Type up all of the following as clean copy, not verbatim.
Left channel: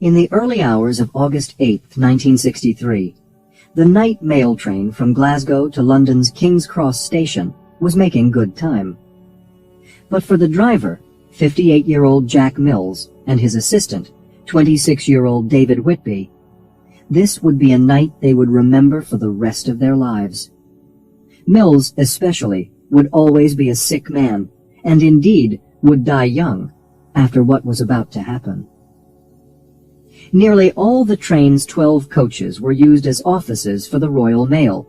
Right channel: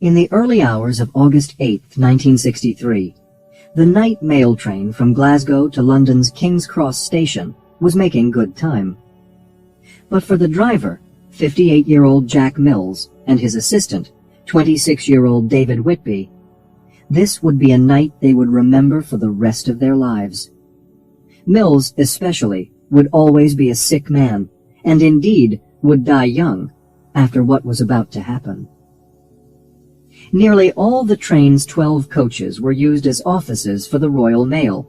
In the early hours of August 8, 1963, the night mail train from Glasgow to London's King's Cross station was making good time. But for the driver, 58-year-old Jack Mills, and his assistant, 26-year-old David Whitby, this would be a night they would remember for the rest of their lives. Mills, especially, would always be a sick man, and indeed would die young after what was about to happen. Nearly all the train's 12 coaches were used as offices for the Royal Mail,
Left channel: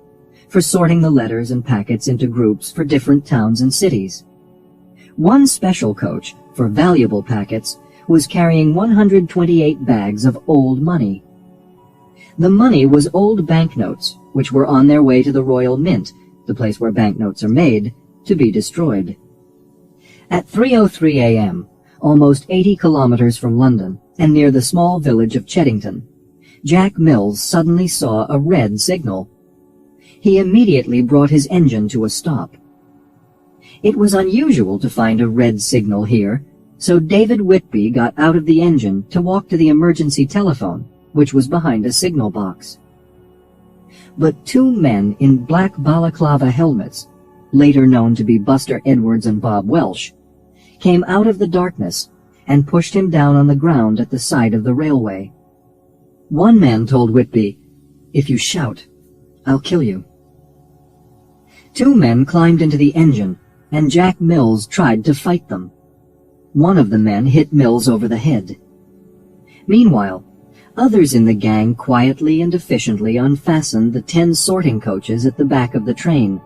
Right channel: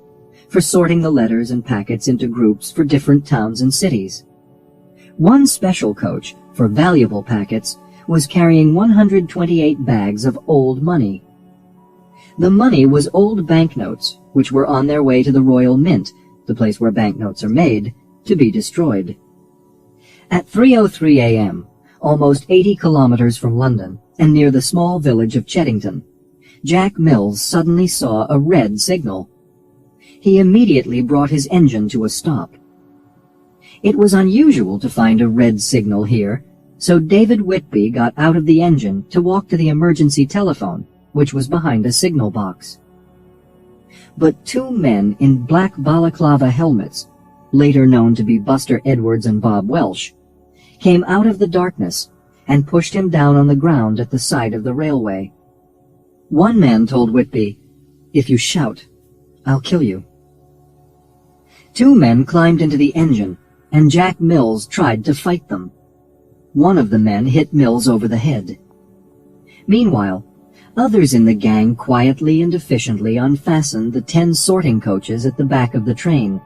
for sorting the letters and packets into groups for different towns and cities. One special coach, for valuable packets, was carrying 128 bags of old money. The money was old banknotes, which were on their way to the Royal Mint, the place where banknotes are made, to be destroyed. At 3:03 a.m., almost 80 kilometers from London, and near the small village of Cheddington, Jack Mills suddenly saw a red signal. He immediately brought his engine to a stop. It was unusual to find a red signal here, so David Whitby got out of the engine to walk to the emergency telephone, which was behind a signal box. But two men in black balaclava helmets, later known to be Buster Edwards and Bob Welsh, came out of the darkness and pushed him down on the ground at the side of the railway. One man told Whitby, "If you shout, I'll kill you." Two men climbed into the engine, and Jack Mills tried to fight them. One of the men hit Mills over the head. Meanwhile, others in the gang quietly and efficiently unfastened the 10 sorting coaches at the back of the train,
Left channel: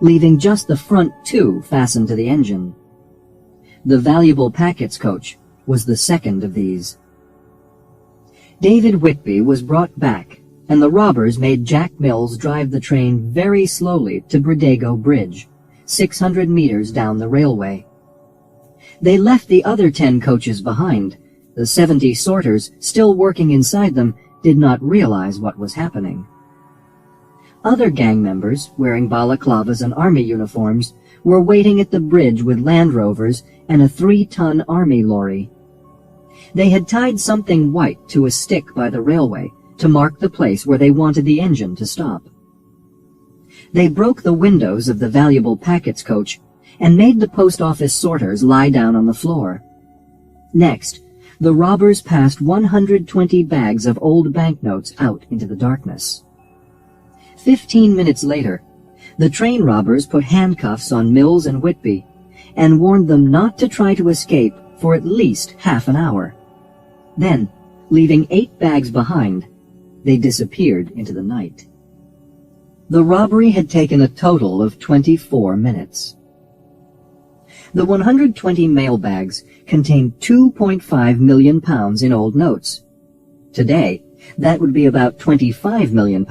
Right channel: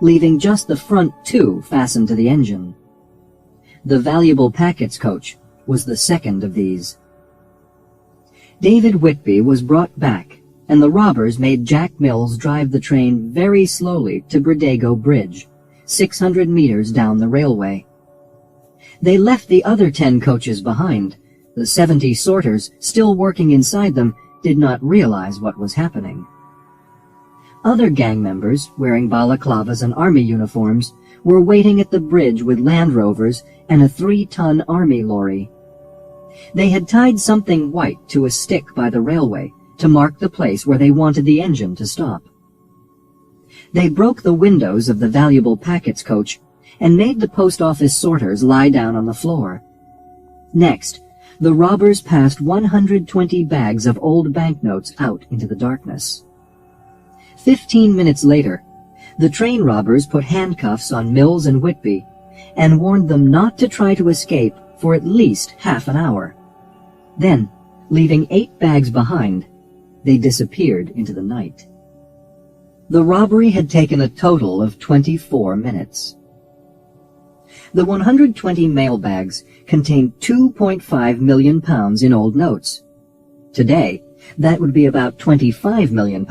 leaving just the front 2 fastened to the engine. The valuable packets coach was the second of these. David Whitby was brought back, and the robbers made Jack Mills drive the train very slowly to Bridego Bridge, 600 meters down the railway. They left the other 10 coaches behind. The 70 sorters still working inside them did not realize what was happening. Other gang members, wearing balaclavas and army uniforms, were waiting at the bridge with Land Rovers and a 3-ton army lorry. They had tied something white to a stick by the railway to mark the place where they wanted the engine to stop. They broke the windows of the valuable packets coach and made the post office sorters lie down on the floor. Next, the robbers passed 120 bags of old banknotes out into the darkness. 15 minutes later, the train robbers put handcuffs on Mills and Whitby and warned them not to try to escape for at least half an hour. Then, leaving 8 bags behind, they disappeared into the night. The robbery had taken a total of 24 minutes. The 120 mail bags contained £2.5 million in old notes. Today, that would be about £25 million,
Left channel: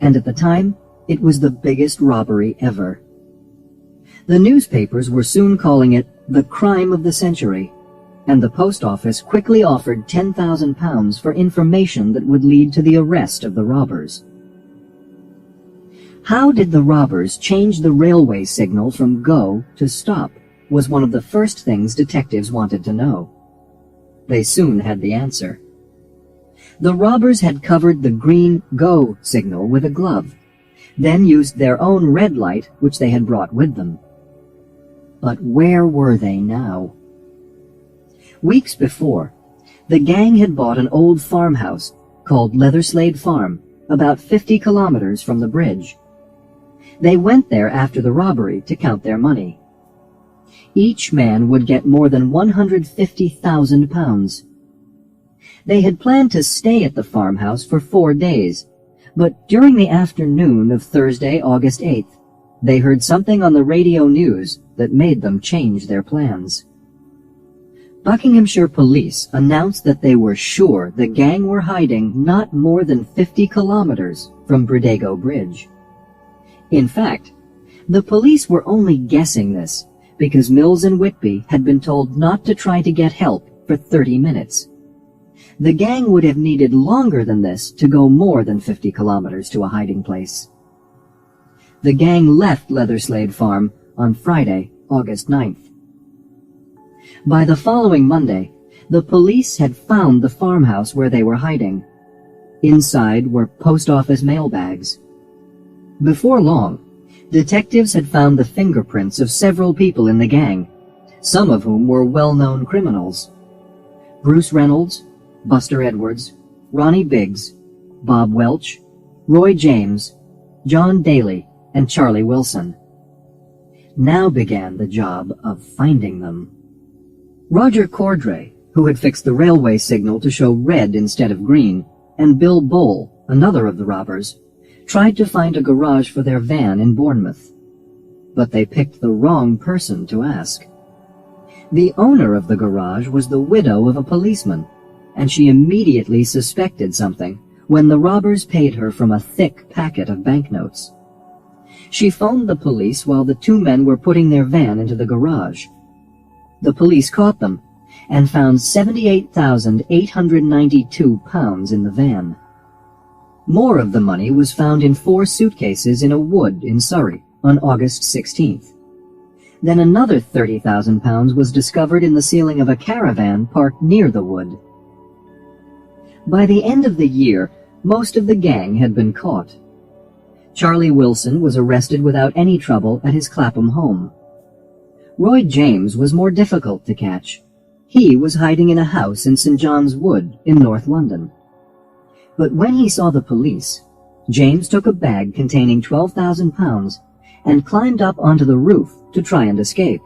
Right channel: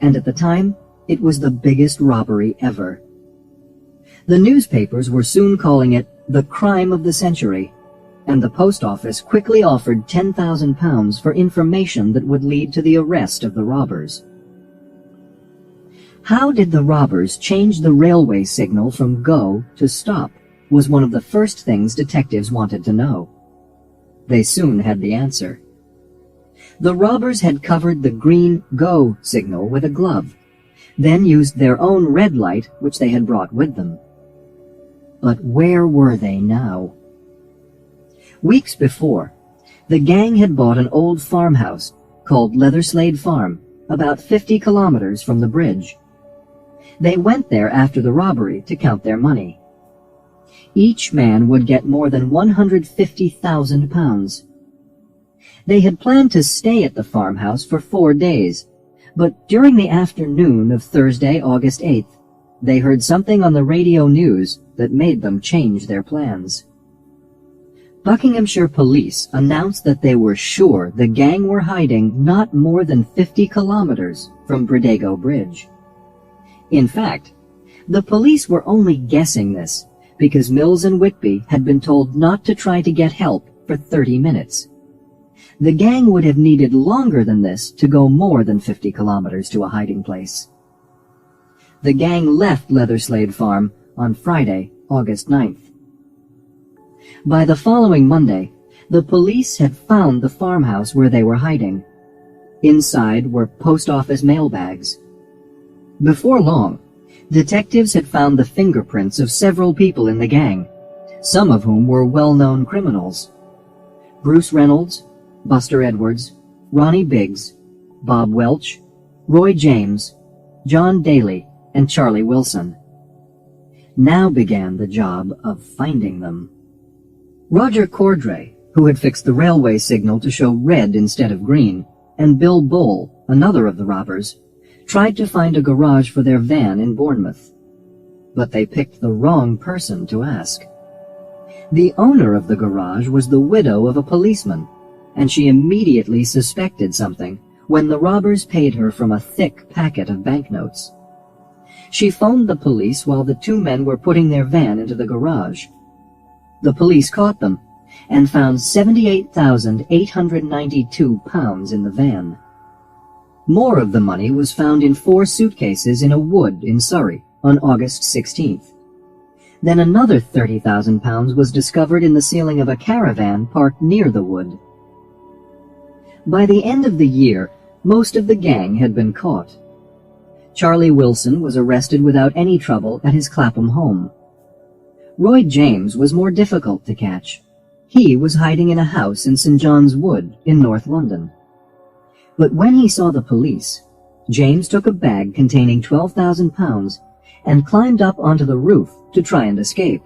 and at the time, it was the biggest robbery ever. The newspapers were soon calling it the crime of the century, and the post office quickly offered £10,000 for information that would lead to the arrest of the robbers. How did the robbers change the railway signal from go to stop was one of the first things detectives wanted to know. They soon had the answer. The robbers had covered the green go signal with a glove, then used their own red light, which they had brought with them. But where were they now? Weeks before, the gang had bought an old farmhouse called Leatherslade Farm, about 50 kilometers from the bridge. They went there after the robbery to count their money. Each man would get more than £150,000. They had planned to stay at the farmhouse for 4 days, but during the afternoon of Thursday, August 8th, they heard something on the radio news that made them change their plans. Buckinghamshire police announced that they were sure the gang were hiding not more than 50 kilometers from Bridego Bridge. In fact, the police were only guessing this because Mills and Whitby had been told not to try to get help for 30 minutes. The gang would have needed longer than this to go more than 50 kilometers to a hiding place. The gang left Leatherslade Farm on Friday, August 9th. By the following Monday, The police had found the farmhouse where they were hiding. Inside were post office mailbags. Before long, detectives had found the fingerprints of several people in the gang, some of whom were well-known criminals. Bruce Reynolds, Buster Edwards, Ronnie Biggs, Bob Welch, Roy James, John Daly, and Charlie Wilson. Now began the job of finding them. Roger Cordray, who had fixed the railway signal to show red instead of green, and Bill Bowl, another of the robbers, tried to find a garage for their van in Bournemouth. But they picked the wrong person to ask. The owner of the garage was the widow of a policeman, and she immediately suspected something when the robbers paid her from a thick packet of banknotes. She phoned the police while the two men were putting their van into the garage. The police caught them and found £78,892 in the van. More of the money was found in 4 suitcases in a wood in Surrey on August 16th. Then another £30,000 was discovered in the ceiling of a caravan parked near the wood. By the end of the year, most of the gang had been caught. Charlie Wilson was arrested without any trouble at his Clapham home. Roy James was more difficult to catch. He was hiding in a house in St. John's Wood in North London. But when he saw the police, James took a bag containing £12,000 and climbed up onto the roof to try and escape.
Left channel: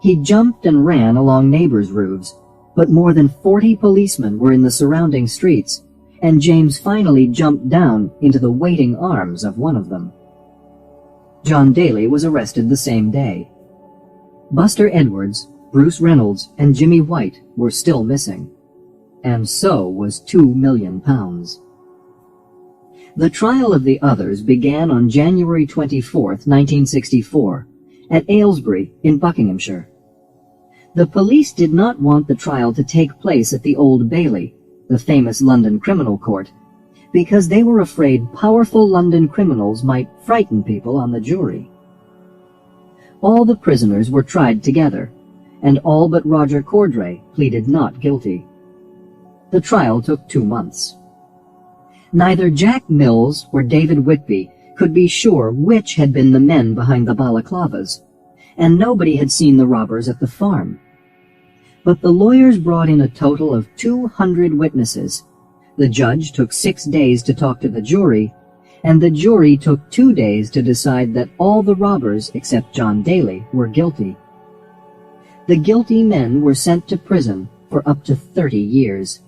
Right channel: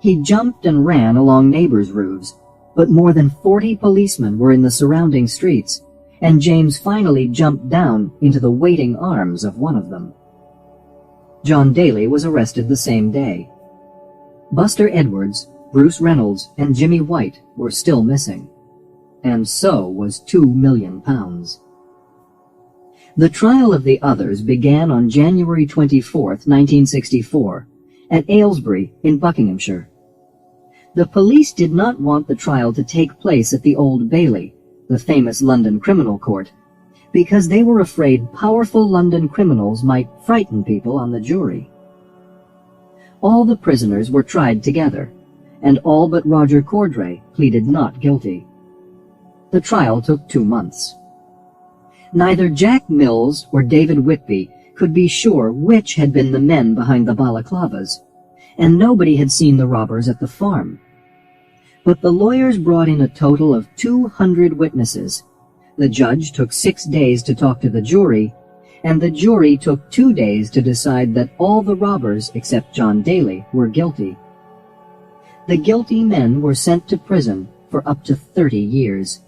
He jumped and ran along neighbors' roofs, but more than 40 policemen were in the surrounding streets, and James finally jumped down into the waiting arms of one of them. John Daly was arrested the same day. Buster Edwards, Bruce Reynolds, and Jimmy White were still missing, and so was £2 million. The trial of the others began on January 24, 1964, at Aylesbury in Buckinghamshire. The police did not want the trial to take place at the Old Bailey, the famous London criminal court, because they were afraid powerful London criminals might frighten people on the jury. All the prisoners were tried together, and all but Roger Cordray pleaded not guilty. The trial took 2 months. Neither Jack Mills or David Whitby could be sure which had been the men behind the balaclavas, and nobody had seen the robbers at the farm. But the lawyers brought in a total of 200 witnesses. The judge took 6 days to talk to the jury, and the jury took 2 days to decide that all the robbers except John Daly were guilty. The guilty men were sent to prison for up to 30 years.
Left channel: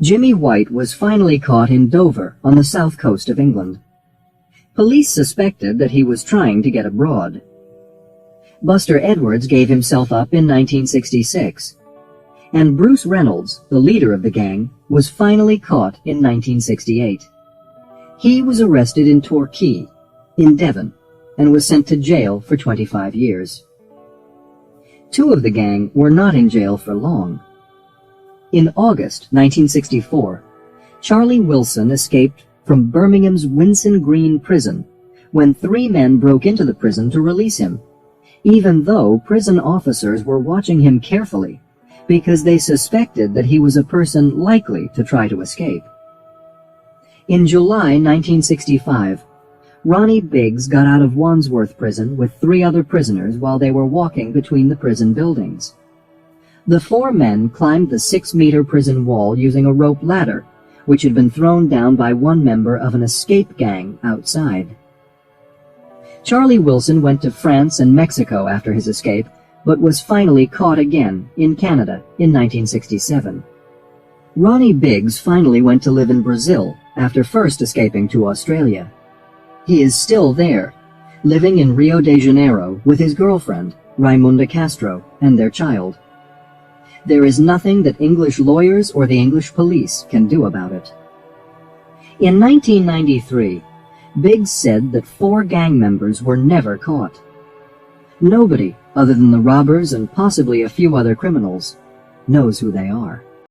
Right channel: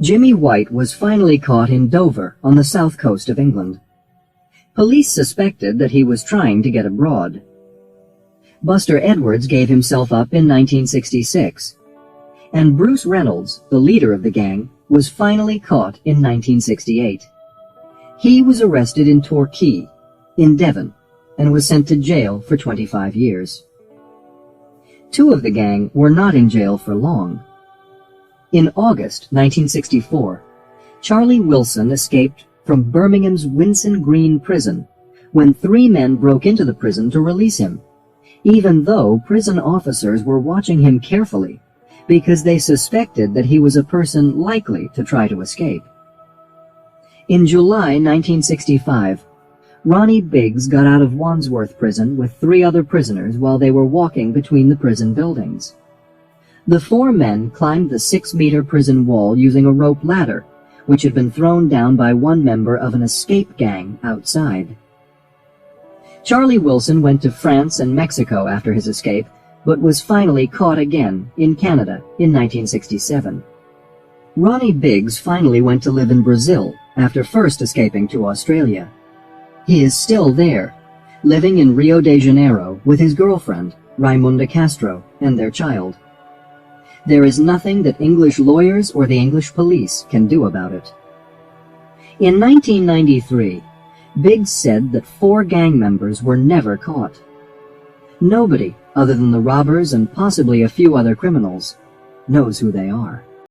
Jimmy White was finally caught in Dover on the south coast of England. Police suspected that he was trying to get abroad. Buster Edwards gave himself up in 1966, and Bruce Reynolds, the leader of the gang, was finally caught in 1968. He was arrested in Torquay, in Devon, and was sent to jail for 25 years. 2 of the gang were not in jail for long. In August 1964, Charlie Wilson escaped from Birmingham's Winson Green prison when 3 men broke into the prison to release him, even though prison officers were watching him carefully because they suspected that he was a person likely to try to escape. In July 1965, Ronnie Biggs got out of Wandsworth prison with 3 other prisoners while they were walking between the prison buildings. The 4 men climbed the 6-meter prison wall using a rope ladder, which had been thrown down by one member of an escape gang outside. Charlie Wilson went to France and Mexico after his escape, but was finally caught again in Canada in 1967. Ronnie Biggs finally went to live in Brazil after first escaping to Australia. He is still there, living in Rio de Janeiro with his girlfriend, Raimunda Castro, and their child. There is nothing that English lawyers or the English police can do about it. In 1993, Biggs said that 4 gang members were never caught. Nobody, other than the robbers and possibly a few other criminals, knows who they are.